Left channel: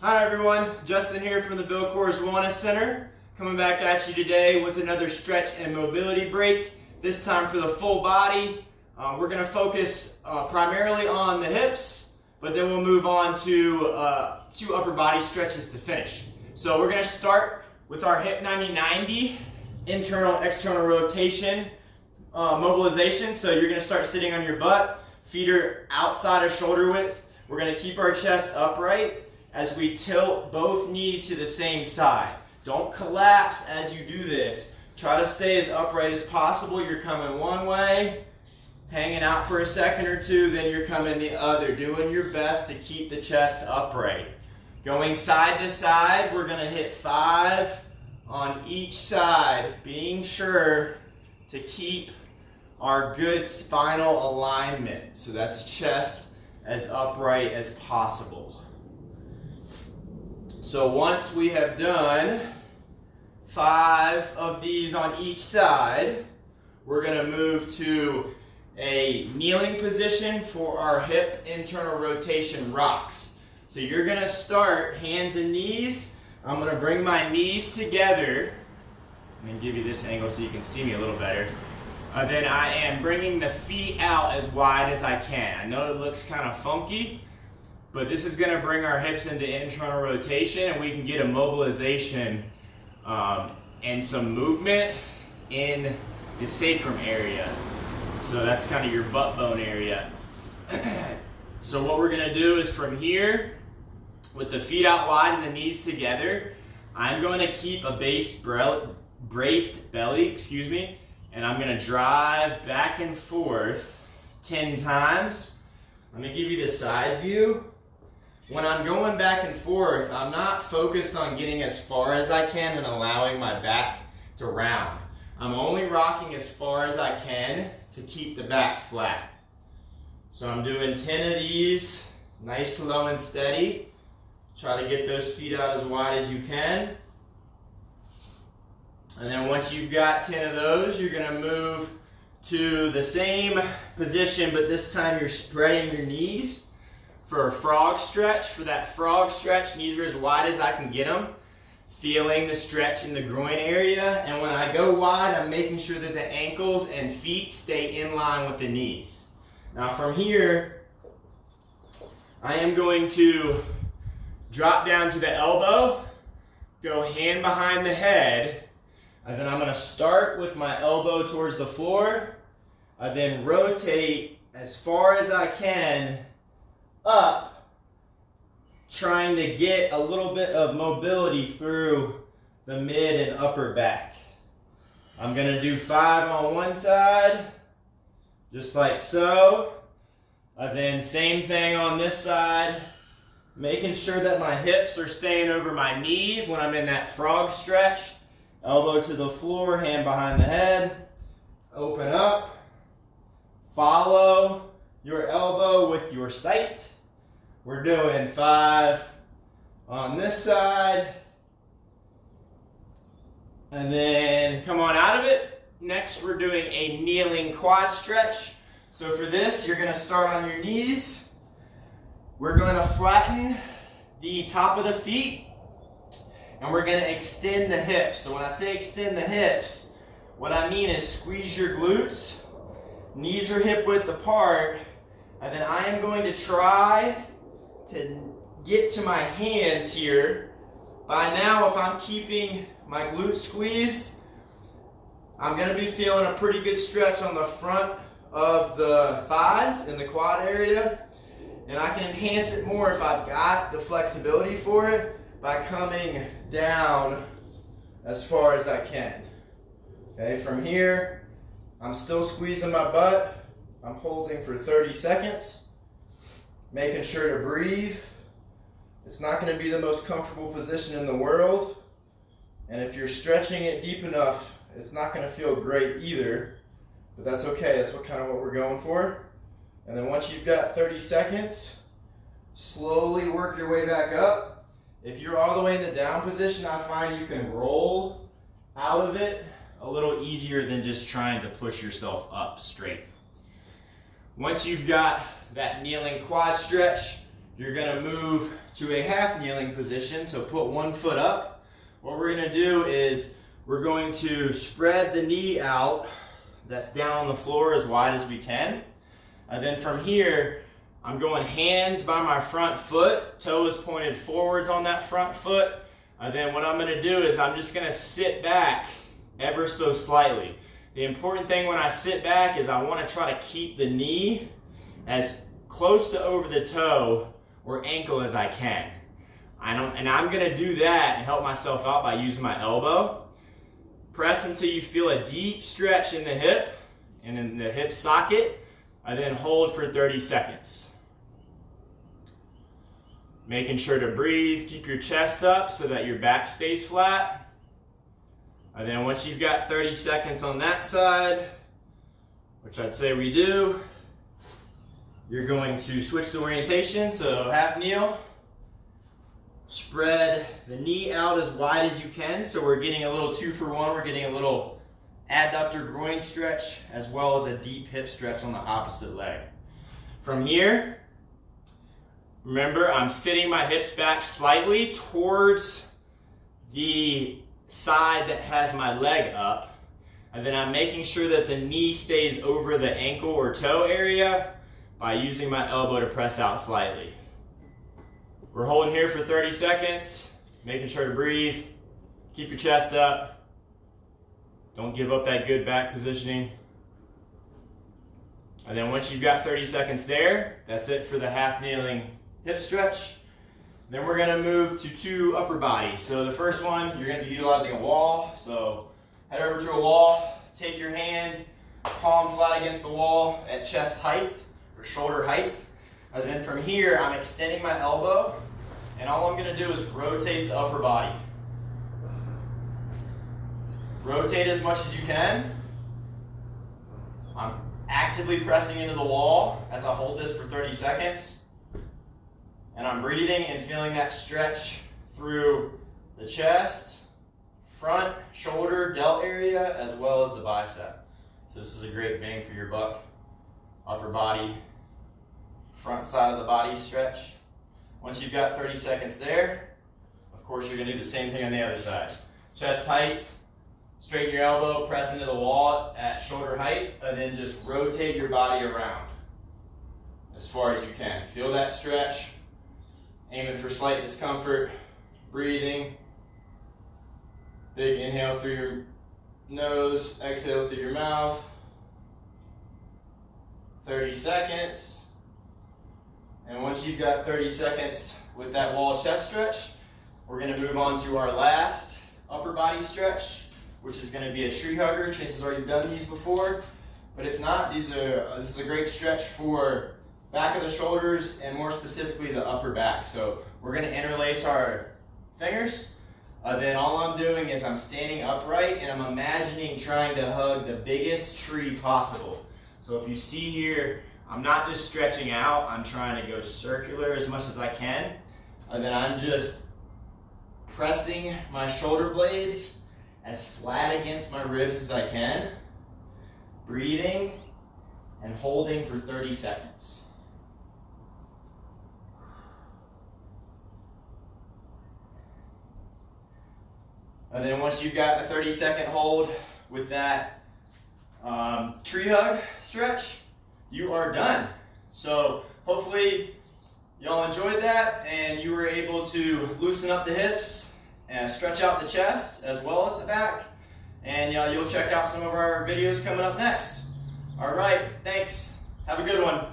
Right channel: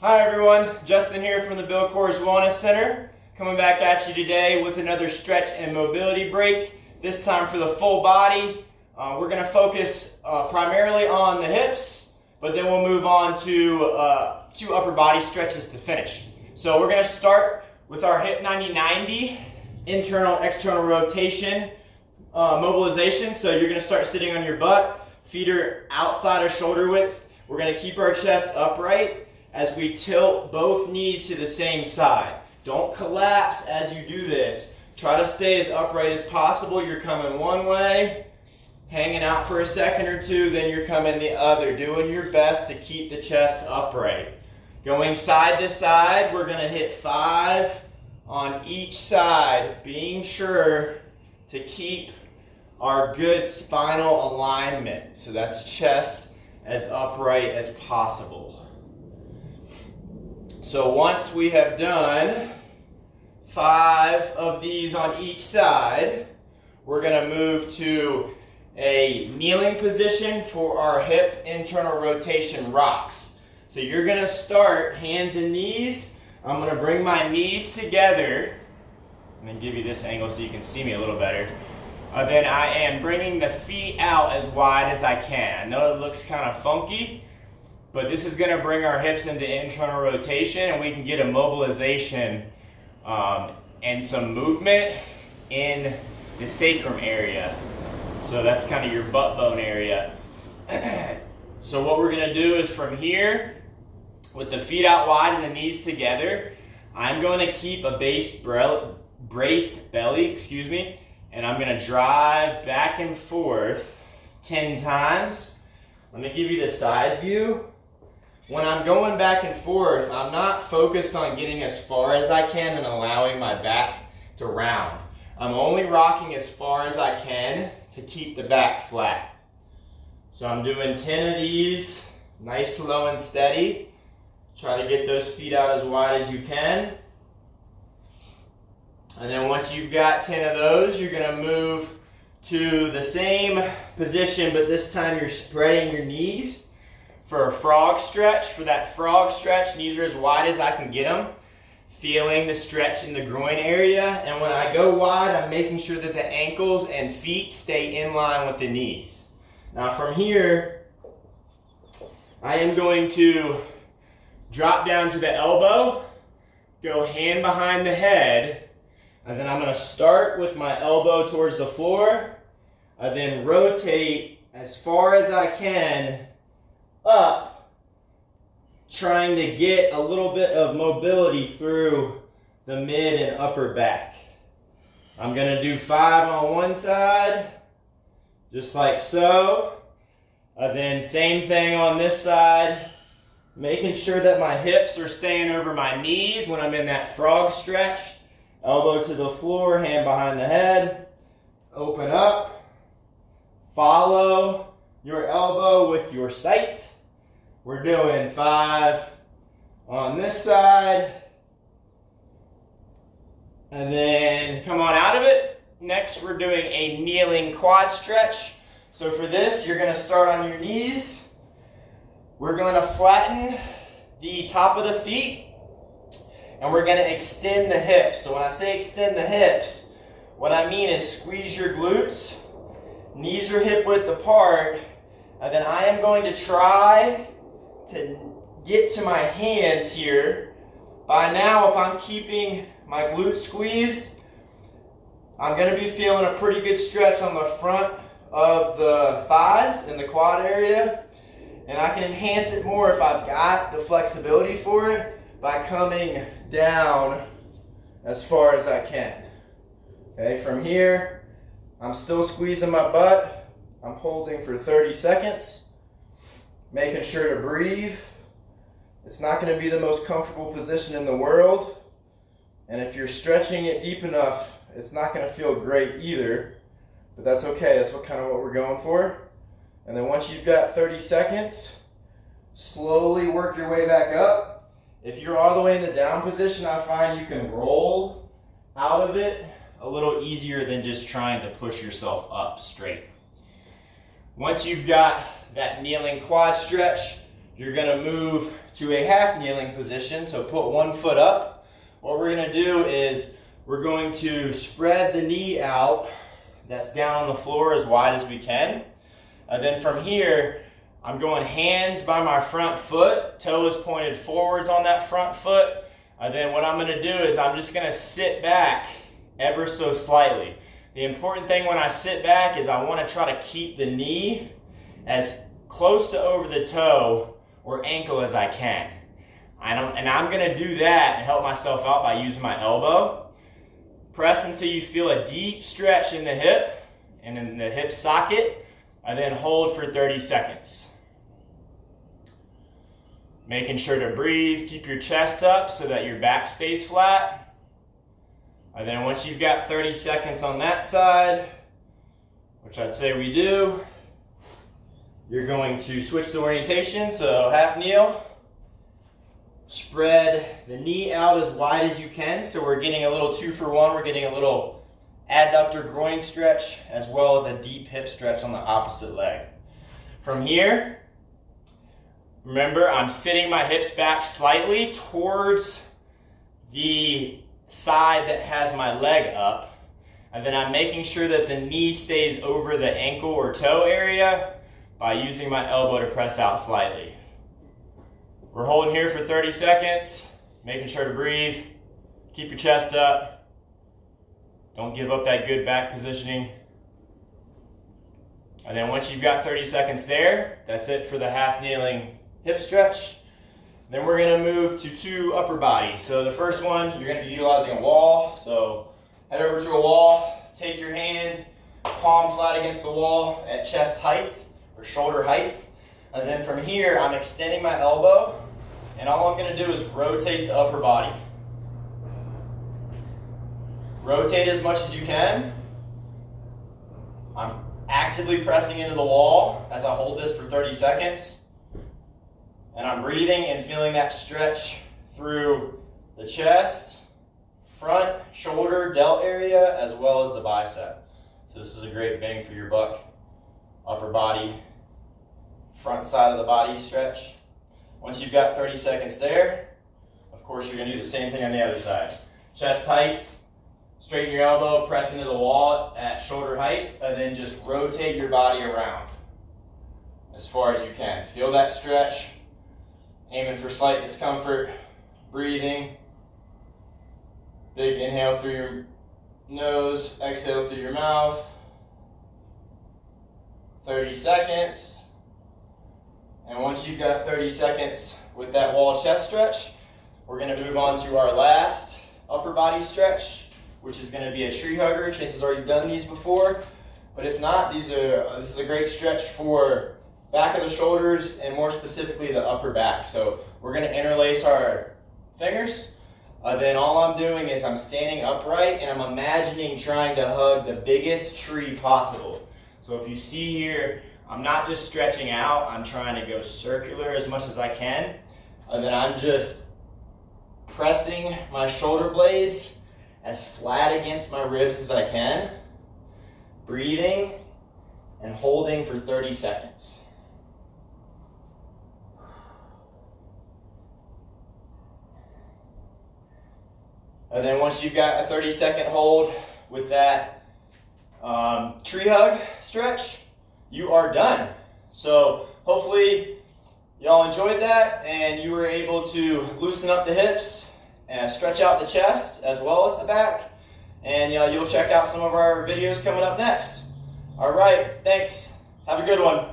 Hi everyone, Justin here from the Bill Coors Wellness Center, coming back at you today with another stretch and mobility break, this time for the full body. We're going to focus primarily on the hips, but then we'll move on to two upper body stretches to finish. So we're going to start with our hip 90-90, internal external rotation mobilization. So you're going to start sitting on your butt, feet are outside of shoulder width. We're going to keep our chest upright as we tilt both knees to the same side. Don't collapse as you do this. Try to stay as upright as possible. You're coming one way, hanging out for a second or two, then you're coming the other, doing your best to keep the chest upright. Going side to side, we're going to hit 5 on each side, being sure to keep our good spinal alignment. So that's chest as upright as possible. So once we have done 5 of these on each side, we're going to move to a kneeling position for our hip internal rotation rocks. So you're going to start hands and knees. I'm going to bring my knees together. I'm going to give you this angle so you can see me a little better. Then I am bringing the feet out as wide as I can. I know it looks kind of funky, but this is going to bring our hips into internal rotation and we can get a mobilization and some movement in the sacrum area. So that's kind of your butt bone area. So what we're going to do is from here, with the feet out wide and the knees together, I'm going to keep a braced belly, and I'm going to drive back and forth 10 times. Let me give you the side view. When I'm going back and forth, I'm not focused on getting as far as I can and allowing my back to round. I'm only rocking as far as I can to keep the back flat. So I'm doing 10 of these, nice, slow, and steady. Try to get those feet out as wide as you can. And then once you've got 10 of those, you're going to move to the same position, but this time you're spreading your knees for a frog stretch. For that frog stretch, knees are as wide as I can get them, feeling the stretch in the groin area. And when I go wide, I'm making sure that the ankles and feet stay in line with the knees. Now from here, I am going to drop down to the elbow, go hand behind the head, and then I'm going to start with my elbow towards the floor. I then rotate as far as I can up, trying to get a little bit of mobility through the mid and upper back. I'm going to do 5 on one side, just like so. Then same thing on this side, making sure that my hips are staying over my knees when I'm in that frog stretch. Elbow to the floor, hand behind the head, open up, follow your elbow with your sight. We're doing 5 on this side, and then come on out of it. Next, we're doing a kneeling quad stretch. So for this, you're going to start on your knees. We're going to flatten the top of the feet, and we're going to extend the hips. So when I say extend the hips, what I mean is squeeze your glutes, knees are hip width apart, and then I am going to try to get to my hands here. By now, if I'm keeping my glutes squeezed, I'm going to be feeling a pretty good stretch on the front of the thighs in the quad area, and I can enhance it more if I've got the flexibility for it by coming down as far as I can. Okay, from here, I'm still squeezing my butt. I'm holding for 30 seconds, making sure to breathe. It's not going to be the most comfortable position in the world, and if you're stretching it deep enough, it's not going to feel great either, but that's okay. That's what we're going for. And then once you've got 30 seconds, slowly work your way back up. If you're all the way in the down position, I find you can roll out of it a little easier than just trying to push yourself up straight. Once you've got that kneeling quad stretch, you're gonna move to a half kneeling position. So put one foot up. What we're gonna do is we're going to spread the knee out that's down on the floor as wide as we can. And then from here, I'm going hands by my front foot, toe is pointed forwards on that front foot. And then what I'm gonna do is I'm just gonna sit back ever so slightly. The important thing when I sit back is I wanna try to keep the knee as close to over the toe or ankle as I can. And I'm gonna do that and help myself out by using my elbow. Press until you feel a deep stretch in the hip and in the hip socket, and then hold for 30 seconds. Making sure to breathe, keep your chest up so that your back stays flat. And then once you've got 30 seconds on that side, which I'd say we do, you're going to switch the orientation, so half kneel. Spread the knee out as wide as you can, so we're getting a little 2-for-1. We're getting a little adductor groin stretch as well as a deep hip stretch on the opposite leg. From here, remember I'm sitting my hips back slightly towards the side that has my leg up, and then I'm making sure that the knee stays over the ankle or toe area by using my elbow to press out slightly. We're holding here for 30 seconds, making sure to breathe, keep your chest up, don't give up that good back positioning. And then once you've got 30 seconds there, that's it for the half kneeling hip stretch. Then we're gonna move to 2 upper body. So the first one, you're gonna be utilizing a wall. So head over to a wall, take your hand, palm flat against the wall at chest height or shoulder height. And then from here, I'm extending my elbow, and all I'm gonna do is rotate the upper body. Rotate as much as you can. I'm actively pressing into the wall as I hold this for 30 seconds. And I'm breathing and feeling that stretch through the chest, front, shoulder, delt area, as well as the bicep. So this is a great bang for your buck. Upper body, front side of the body stretch. Once you've got 30 seconds there, of course you're gonna do the same thing on the other side. Chest height, straighten your elbow, press into the wall at shoulder height, and then just rotate your body around as far as you can. Feel that stretch, aiming for slight discomfort, breathing. Big inhale through your nose, exhale through your mouth. 30 seconds. And once you've got 30 seconds with that wall chest stretch, we're gonna move on to our last upper body stretch, which is gonna be a tree hugger. Chances are you've done these before, but if not, this is a great stretch for back of the shoulders and more specifically the upper back. So we're gonna interlace our fingers. Then all I'm doing is I'm standing upright and I'm imagining trying to hug the biggest tree possible. So if you see here, I'm not just stretching out, I'm trying to go circular as much as I can. And then I'm just pressing my shoulder blades as flat against my ribs as I can. Breathing and holding for 30 seconds. And then once you've got a 30-second hold with that tree hug stretch, you are done. So hopefully y'all enjoyed that and you were able to loosen up the hips and stretch out the chest as well as the back. And you'll check out some of our videos coming up next. All right, thanks. Have a good one.